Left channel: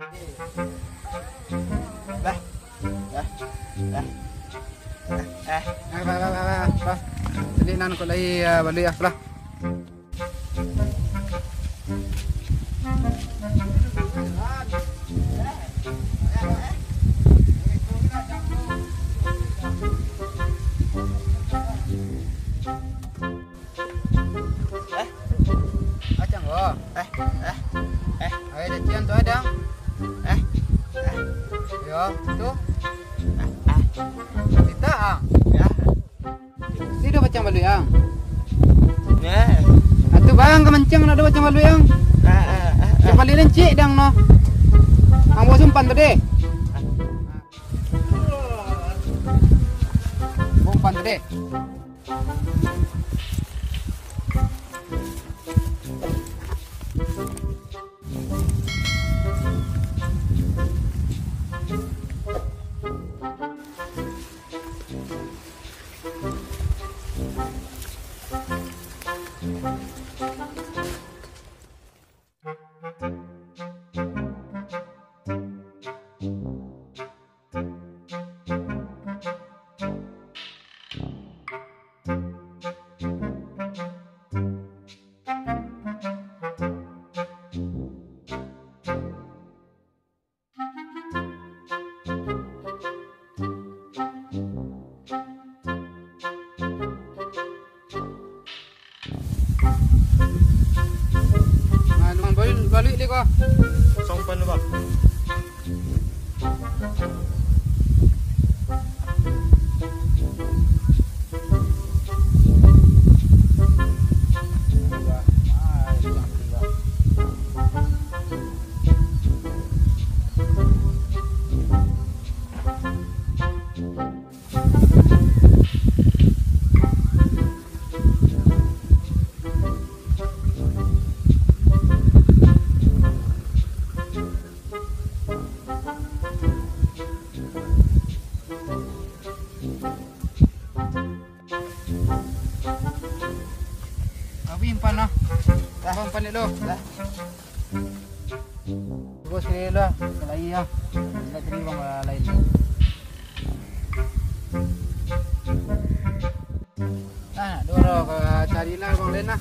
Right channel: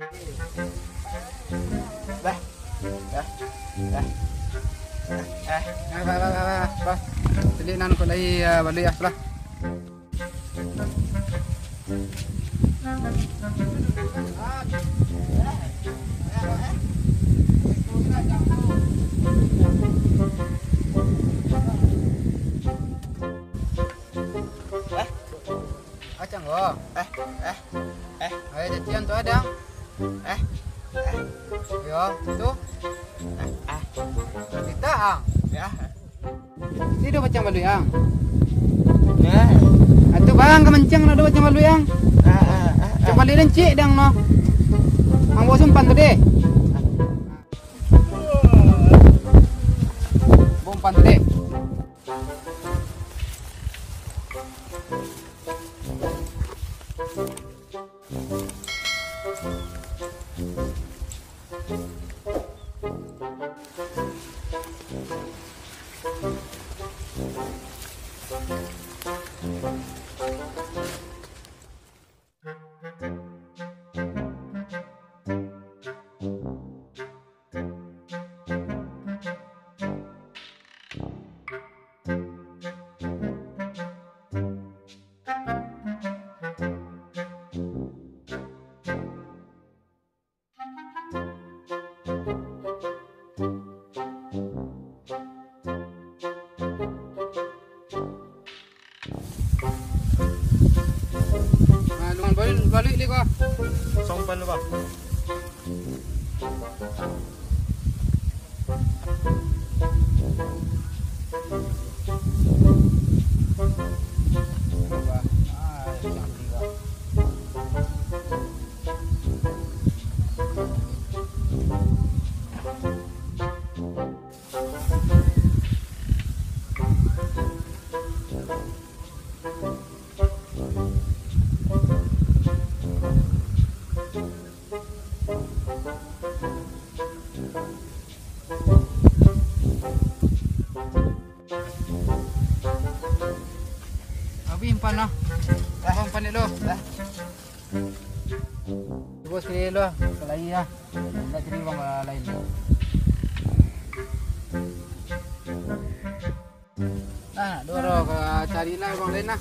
Bah. Bah. Bah. Bah. Jadi nan ko lagi balik ya, lah. Acang go. Ayo jadian tuh ada. Yo, tuh. Kita ya. Ini udah macam balu yang. Nah. Atuh bang kemenceng ada macam balu yang. Coba lihat cik dang no. Ang bosun pan tadi. Bom pan tadi. Balik ni kau. Sompan lu bang. Impan lah. Impan dulu. Bos pilih lah. Lagi lah. Nak cari bang lain. Doro carilah bang lain lah.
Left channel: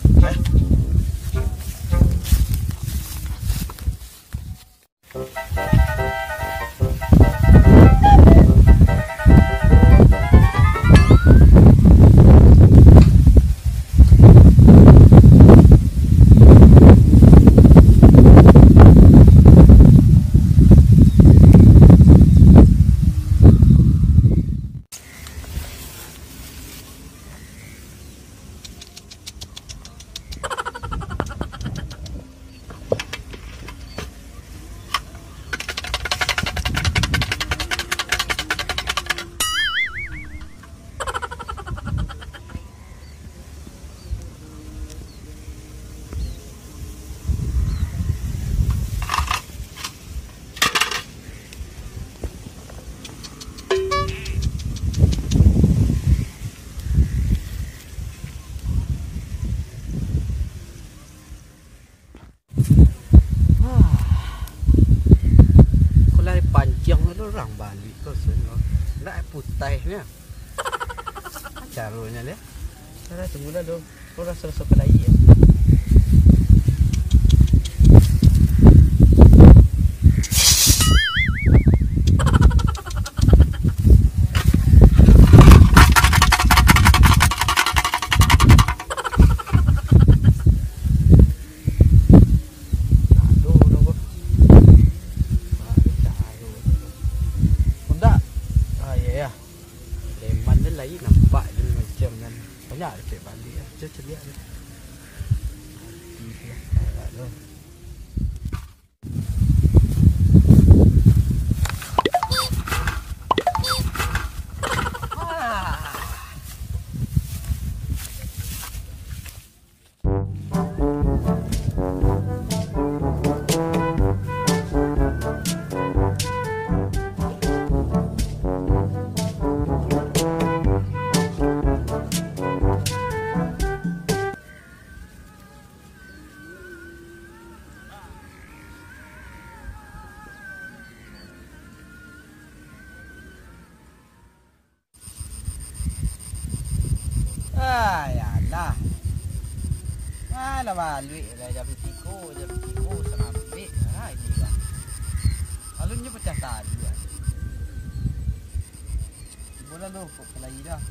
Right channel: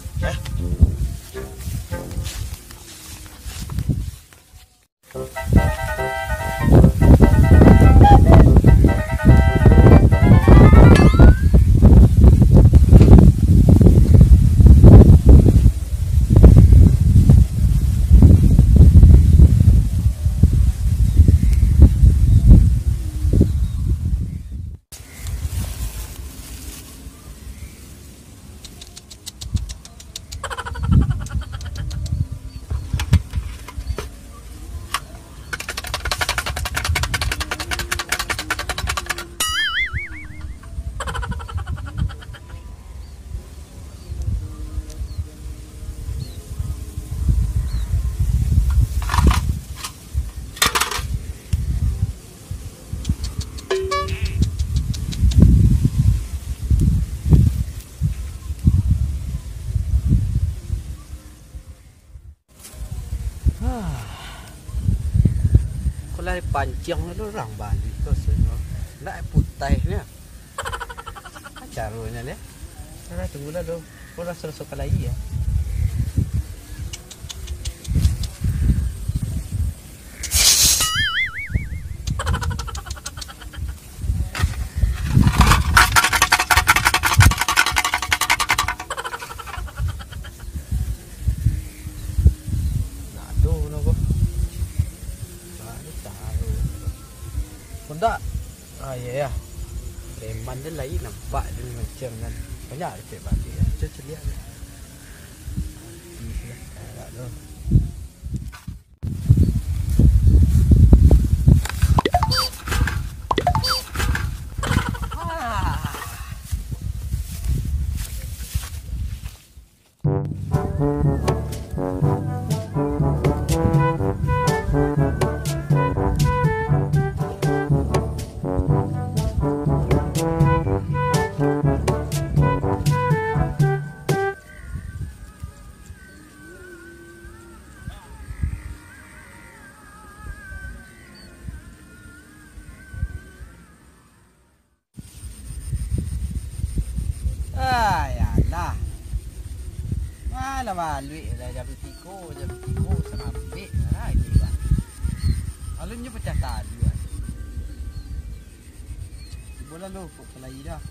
Panjang itu orang Bali kau semua. Nak putih ni. Caranya ni. Cara tunggulah do. Kau rasa lagi ya. Leman dia lain nampak dia macam kan banyak cek balik ya. Cek lihat dia. lah. Malah balik lah jadi tiko setengah balik lah ini lah. Alunnya pecah tali lah. Boleh lu kok pelai dah.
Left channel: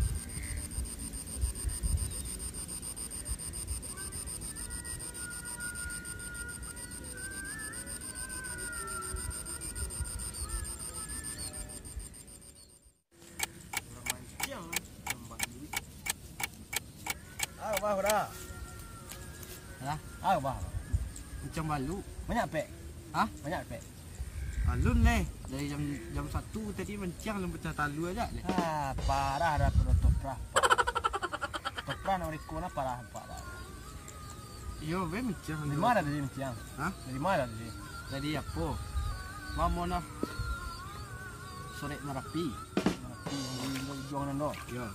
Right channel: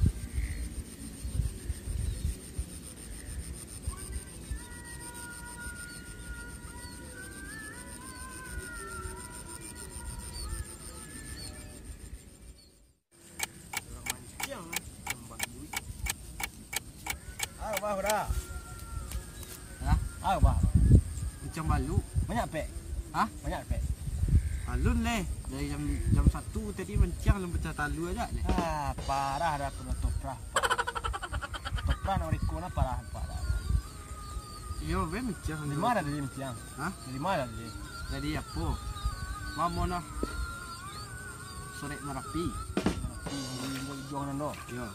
Bah dah. Bah. Macam malu. Banyak pek. Banyak pek. Alun leh. Dari jam 1 tadi mencang lem pecah talu aja leh. Parah dah toprah. Toprah nak rekona parah. Yo, mencang. Dari mana dia mencang? Dari mana dia? Dari apa? Mamona. Sore Merapi juang nando. Yo.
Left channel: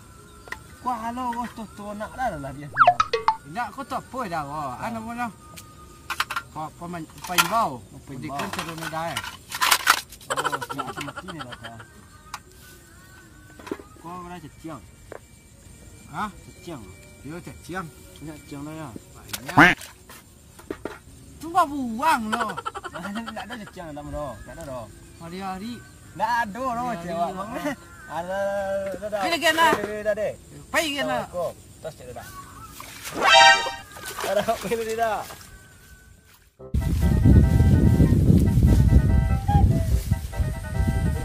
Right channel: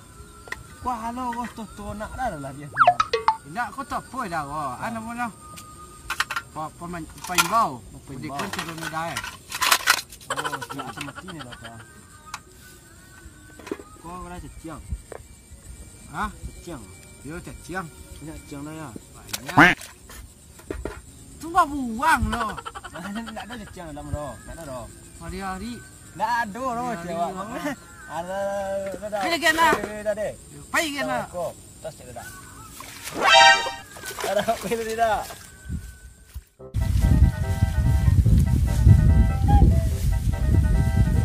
Wah, halo, kau tu nak dah dia. Tidak, kau tak apa dah. Ana mana? Pain bau. Di kerja dulu dah. Oh, siapa mati ni lah kau. Kau mana ceciang? Ceciang. Yo, ceciang. Banyak ceciang dah ya. Banyak. Cuma buang loh. Tak ada ceciang dalam dah. Tak ada dah. Hari-hari. Tak ada dah ceciang. Ada. Pilih kena. Dah deh. Pai kena. Kau tas tidak dah. Ada pilih tidak.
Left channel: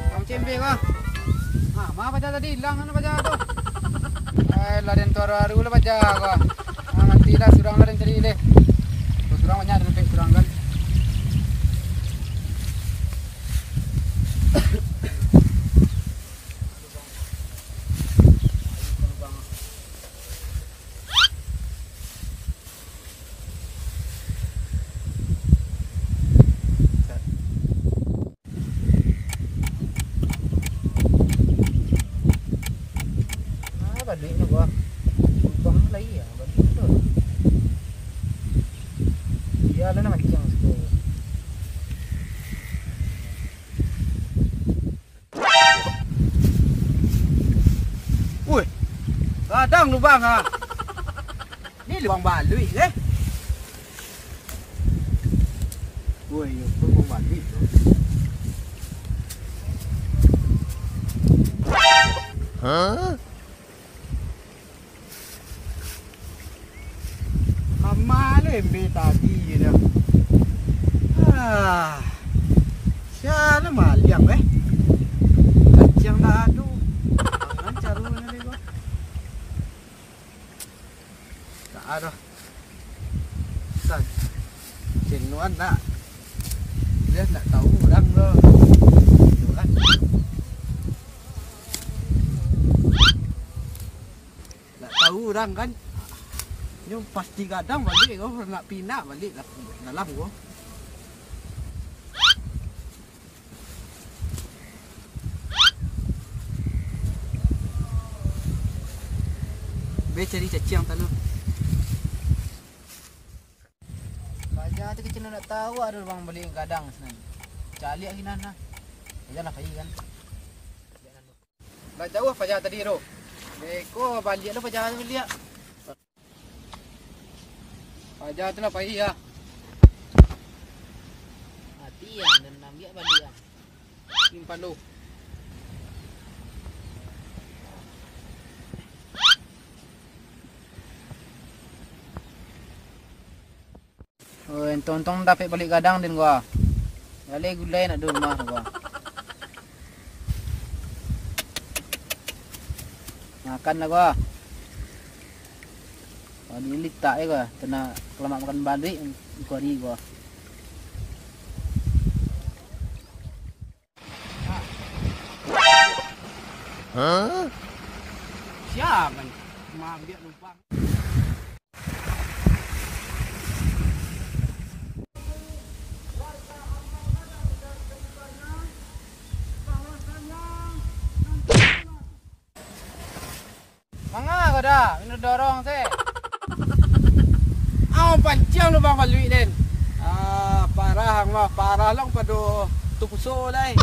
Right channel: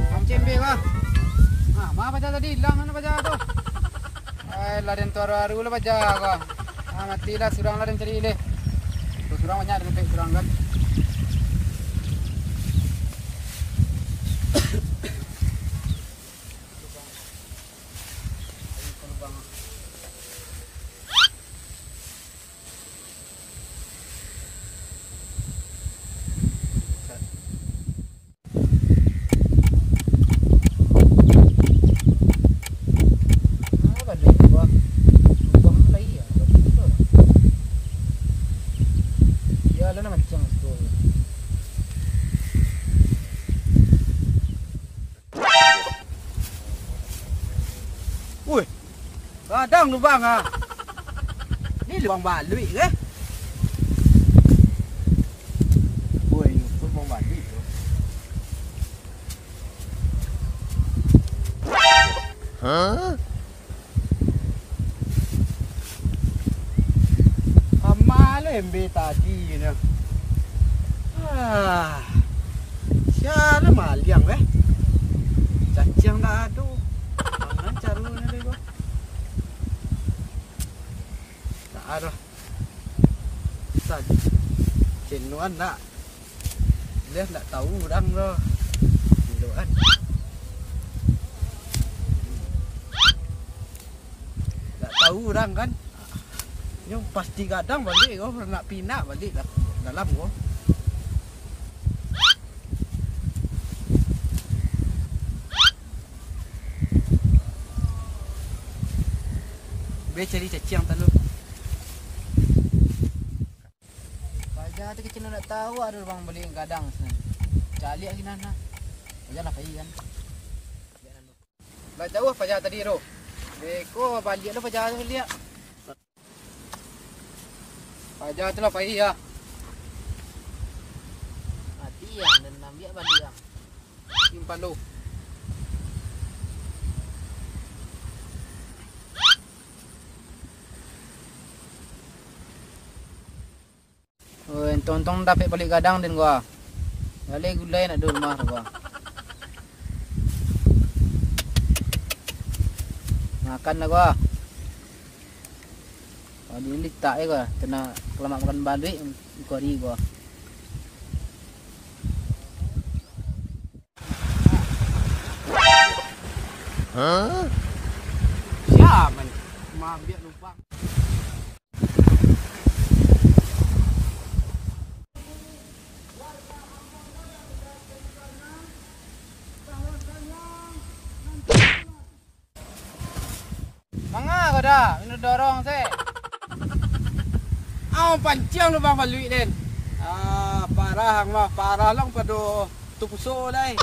Kamu cembe kah? Mana baca tadi hilang mana baca tu? Larian tu haru lah baca kah? Mati lah surang larian cari le. Surang banyak dengan pek surang kan. Kadang lubang Ni lubang balui ke? Woi, lubang balui tu. Amal embe tadi ni. Siapa maliang Kacang dah tu. Jangan carunya lego. Aduh, jenuan nak, dia tak tahu orang loh, jenuan. Tak tahu orang kan, yang pasti kadang balik kau nak pinak balik dalam kau. Be cari cacing talu. Tu kecil nak tahu ada orang beli kadang senan. Cari lagi nana. Janganlah pergi kan. Dah jauh pajak tadi ro. Beko balik tu pajak tu dia. Pajak tu lah pergi ya. Hati yang dan ambil balik yang. Simpan lu. Oh, entong dapat balik kadang din gua. Balik gulai nak di rumah gua. Makan lah gua. Kalau ni letak gua, kena kelamak makan balik gua hari gua. Siapa ni? Maaf dia lupa. Mangga kau dah, minum dorong se. Pancing lu bang balui den. Parah hang mah, parah lang pado tupuso dai.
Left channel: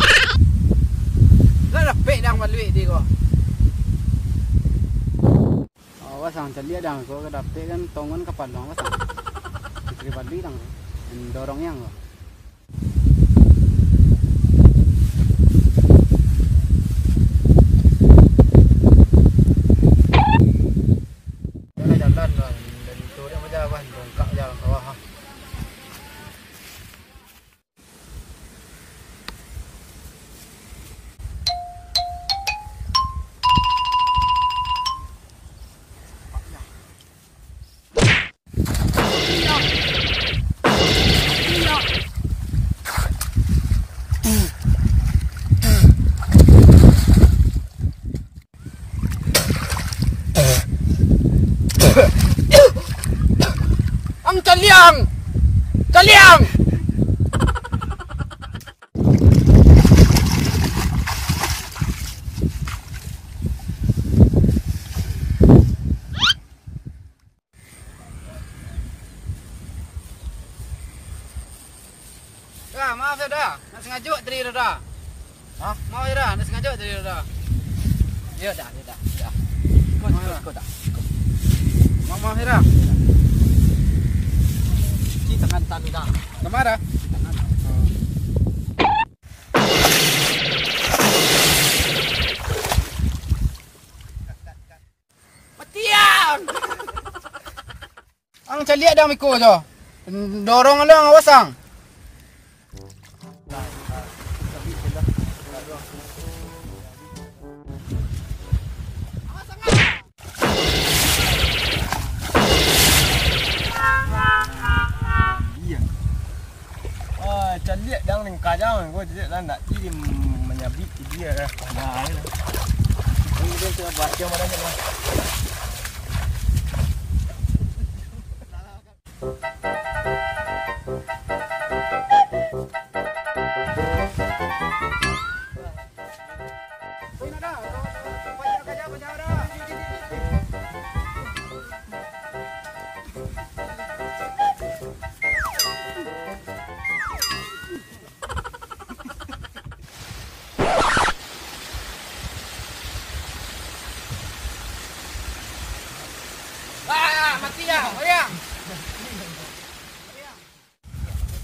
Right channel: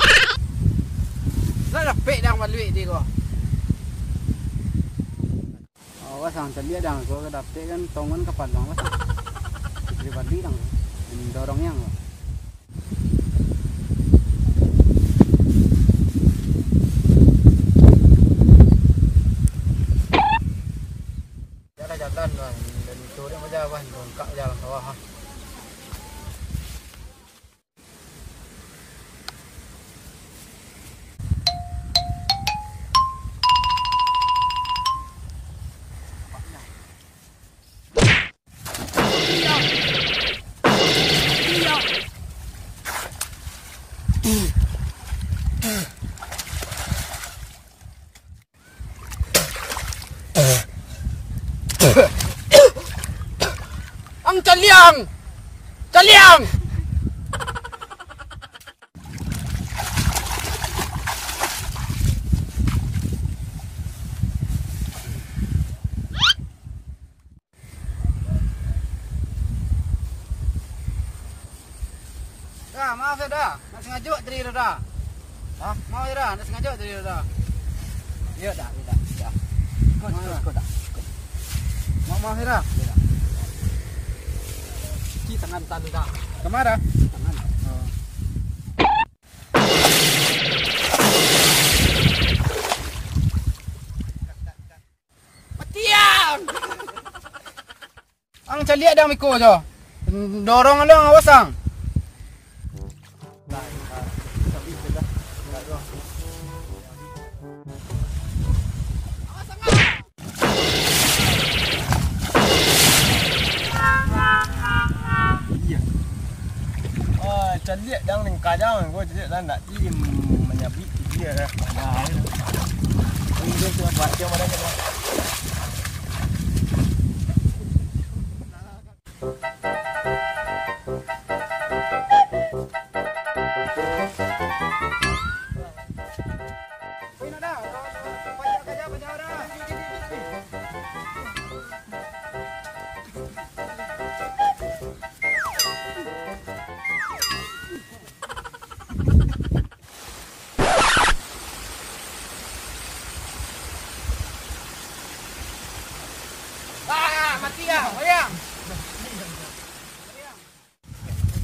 Lah pek dang balui di ko. Awas sang celia dang ko kedapte kan tongon kapal dong awas. Istri bali dang. Dorong yang. Jalan lah dan itu dia macam apa dongkak jalan sawah ha. Ang caliang! Caliang! Dah, maaf ya dah. Nak sengaja tadi dah. Hah? Mau ya dah, nak sengaja tadi dah. Ya dah, ya dah. Ya. Kau dah. Maaf ya dah. Tangan tanda. Kemana? Tangan. Oh. Matiang! Ang caliak dah miko jo. Dorong lang awasang. Nah, sabi kita. Enggak Caliak dang ning kadang gua caliak dah nak tim menyabit dia dah. Nah, ini dia cuma buat dia mana ni. Mati ya, bayang.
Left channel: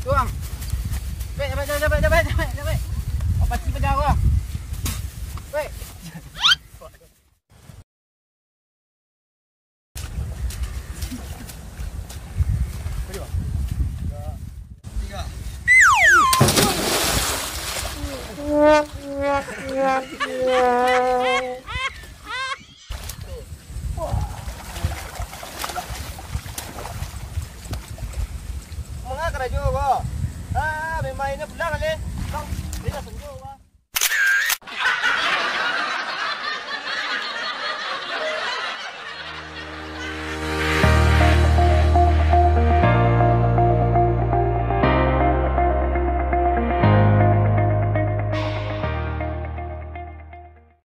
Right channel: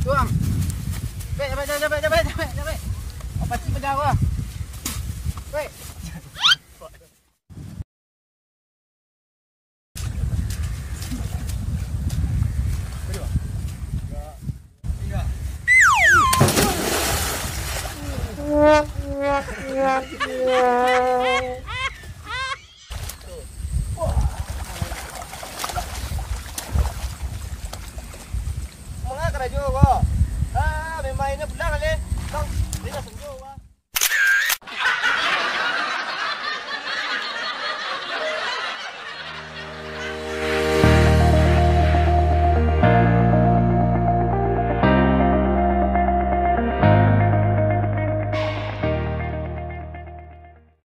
Tuang. Cepet. Apa sih pejah gua? Wei. Berdua. 3. Mga karajo ko. May main na pula kali. Tong, dito sa nyo.